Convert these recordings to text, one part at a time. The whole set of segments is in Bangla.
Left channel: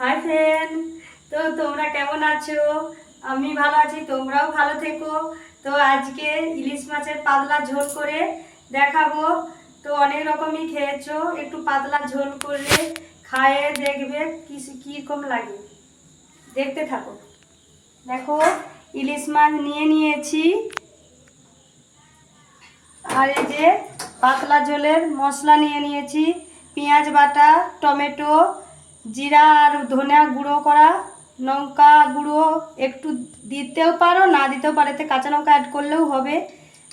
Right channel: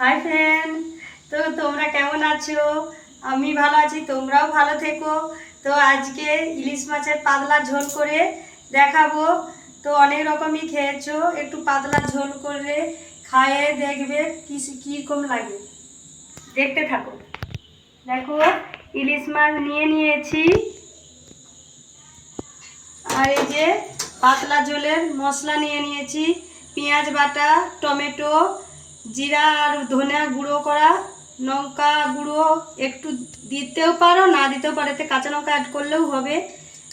হাই ফ্রেন্ড তো তোমরা কেমন আছো? আমি ভালো আছি, তোমরাও ভালো থেকো। তো আজকে ইলিশ মাছের পাতলা ঝোল করে দেখাবো। তো অনেক রকমই খেয়েছো, একটু পাতলা ঝোল করে খায়ে দেখবে কি কীরকম লাগে। দেখতে থাকো। দেখো, ইলিশ মাছ নিয়ে নিয়েছি। আর এই যে পাতলা ঝোলের মশলা নিয়ে নিয়েছি। পেঁয়াজ বাটা, টমেটো জিরা আর ধনিয়া গুঁড়ো করা, লঙ্কা গুঁড়ো একটু দিতেও পারো, না দিতেও পারো, এতে কাঁচা লঙ্কা অ্যাড করলেও হবে।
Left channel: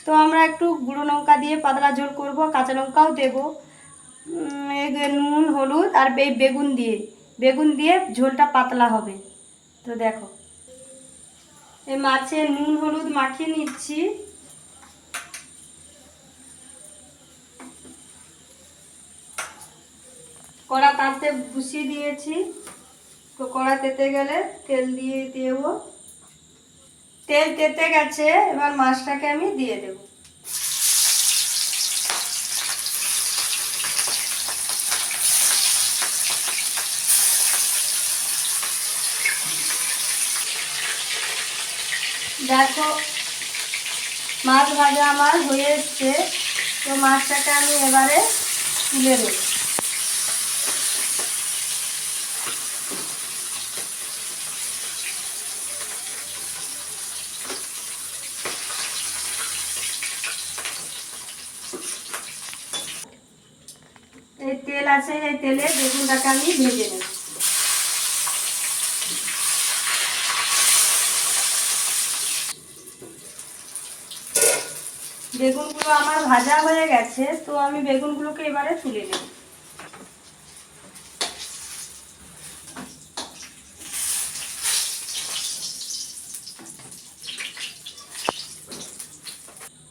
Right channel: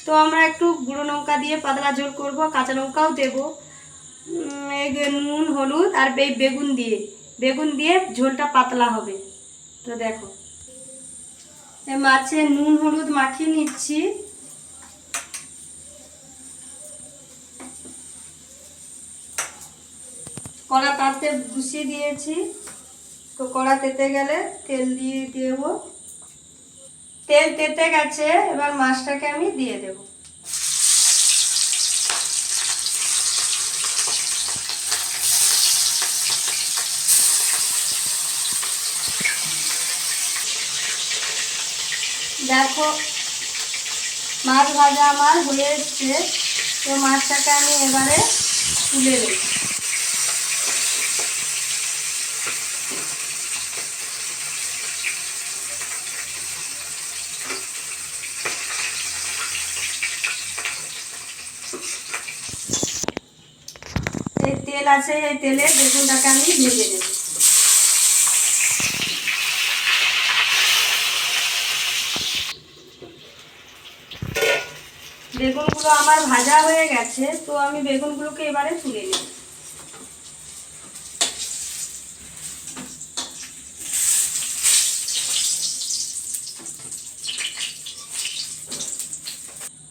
তো আমরা একটু গুঁড়ো লঙ্কা দিয়ে পাতলা ঝোল করব, কাঁচা লঙ্কাও দেবো। নুন, হলুদ আর এই বেগুন দিয়ে। বেগুন দিয়ে ঝোলটা পাতলা হবে। তো দেখো। এই মাছে নুন, হলুদ মাখিয়ে নিচ্ছি। কড়া তাতে বসিয়ে দিয়েছি। তো কড়া তেতে গেলে তেল দিয়ে দেবো। তেল তেতে গেছে, এবার মাছটাকে আমি দিয়ে দেব। দেখো, মাছ ভাজা আমার হয়ে এসছে। তো মাছটাকে আমি এবারে তুলে দেবো তেল আছে, এই তেলে বেগুনটাকে আমি ভেজে নেব। বেগুনগুলো আমার ভাজা হয়ে গেছে, তো আমি বেগুনগুলোকে এবারে তুলে নেব।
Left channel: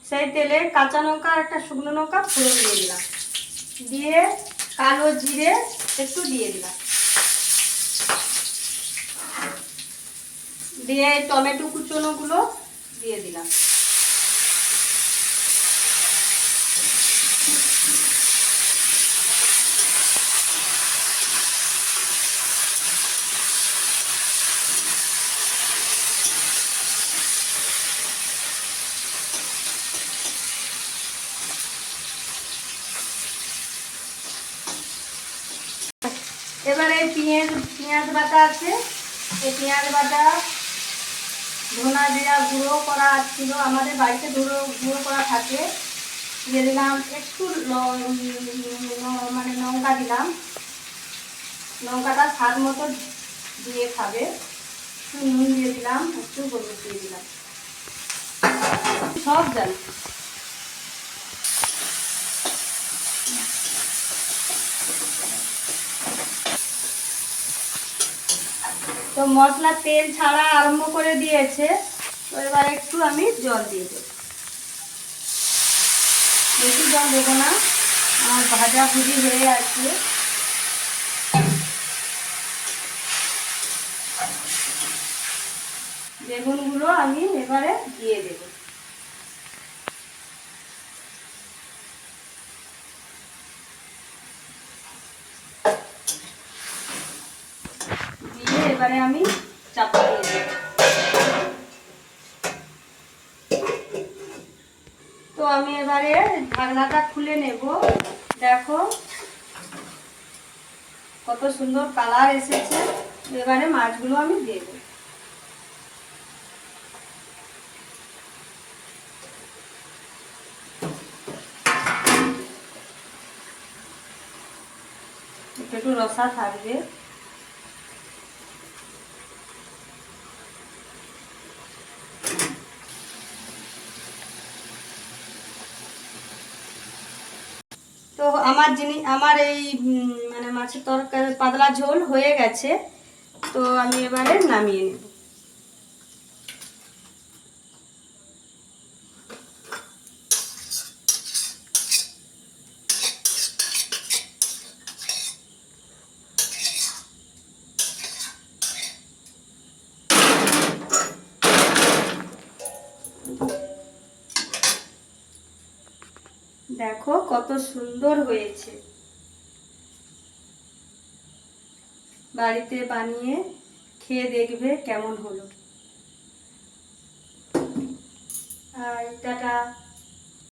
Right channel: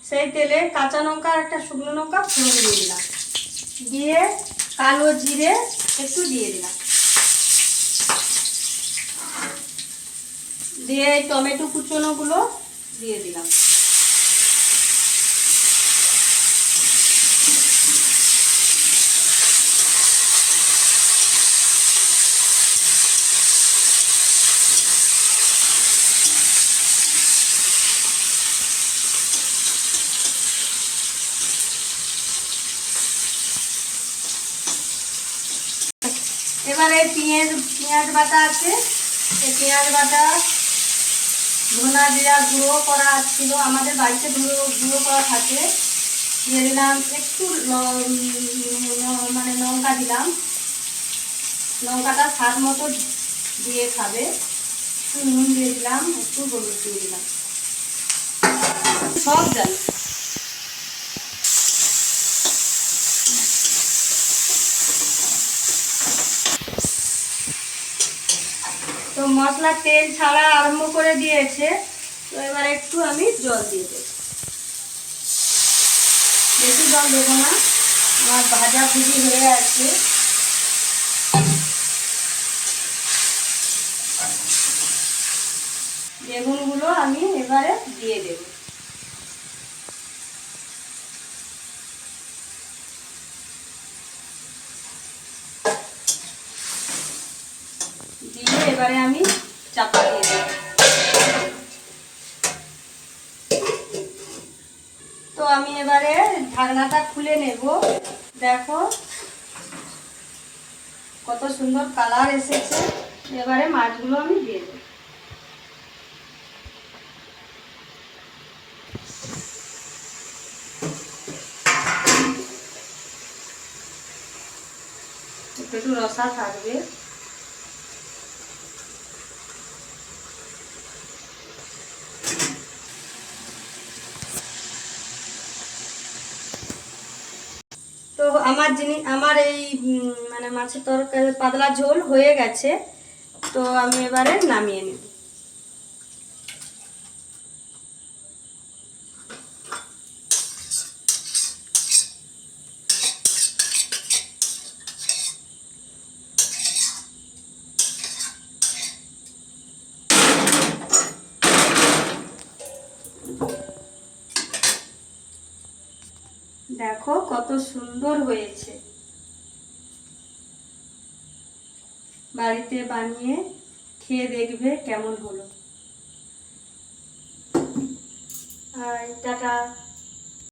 সেই তেলে কাঁচা লঙ্কা আর একটা শুকনো লঙ্কা ফোড়ন দিয়ে দিলাম। দিয়ে কালো জিরে একটু দিয়ে দিলাম। দিয়ে টমেটো কুচনোগুলো দিয়ে দিলাম। এবারে পেঁয়াজ পেঁয়াজ বাটা আছে। এই পেঁয়াজ বাটা, ধনা জিরা গুঁড়ো করা ছিল। আমাদের বাড়িতে গুঁড়ো গুঁড়ো করা থাকে। দিয়ে দিলাম একটু মানে লঙ্কা দিলাম। লঙ্কাটা স্বাদ মতো দিয়ে খাবে। একটু নুন দিয়ে দিলাম, একটু হলুদ দিয়ে দিলাম। সব জানি তো মশলা, তেল ছাড়া আরম্ভ করে দিয়েছে। তো এবার একটু আমি জল দিয়ে দেব। বেশি জল দেবো না। আমার ভাজা ভুজি হয়ে আছে। বেগুনগুলো আমি এবারে দিয়ে দেব। দিয়ে এবারে আমি তো আমি এবারে ঢাকনাটা খুলে নেব। দেখো কত সুন্দর কালার এসেছে। এবারে মাছগুলো আমি দিয়ে দেব। একটু রসা থাকবে তো আমার জিনিস, আমার এই মানে মাছের তরকারি, পাতলা ঝোল হয়ে গেছে। তো আমি এবারে নামিয়ে নেব। দেখো কত সুন্দর হয়েছে। বাড়িতে বানিয়ে খেয়ে দেখবে কেমন হলো। আর টাটা।